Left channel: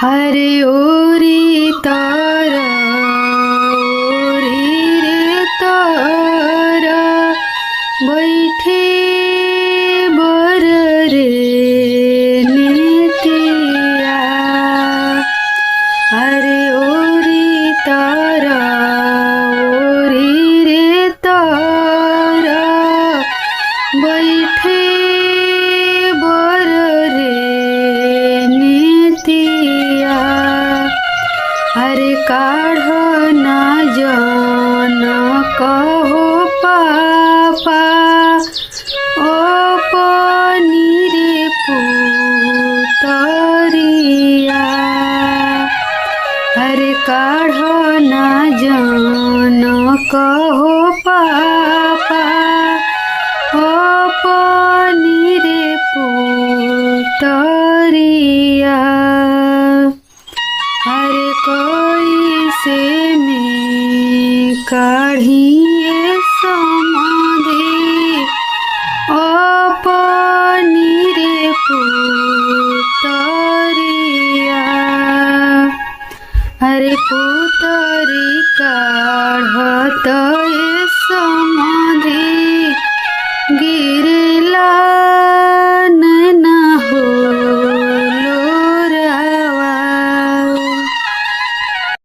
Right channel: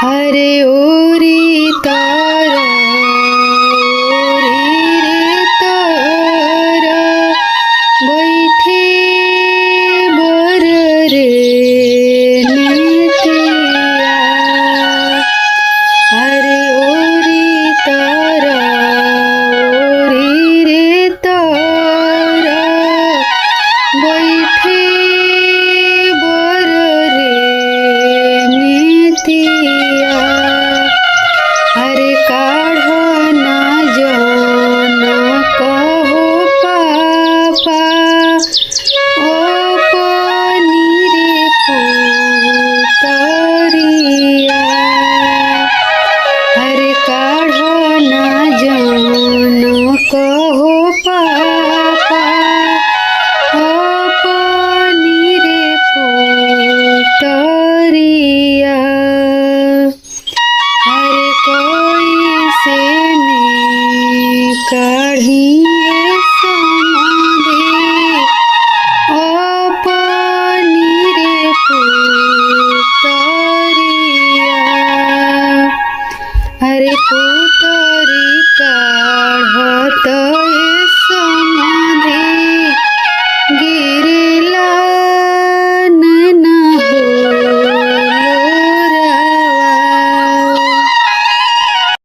हरे ओरी तारा ओरी रे तारा बैठे बर रे नेतिया। हरे ओरी तारा ओरी रे तारा बैठे बर रे नेतिया। हरे काढ़ ना जान कहो पापा ओ पानी रे पुतरिया। हरे काढ़ ना जान कहो पापा ओ पानी रे पुतरिया। हरे कोई से में काढ़िए समाधि ओ पानी रे पुतरिया। हरे पुतरी काढ़त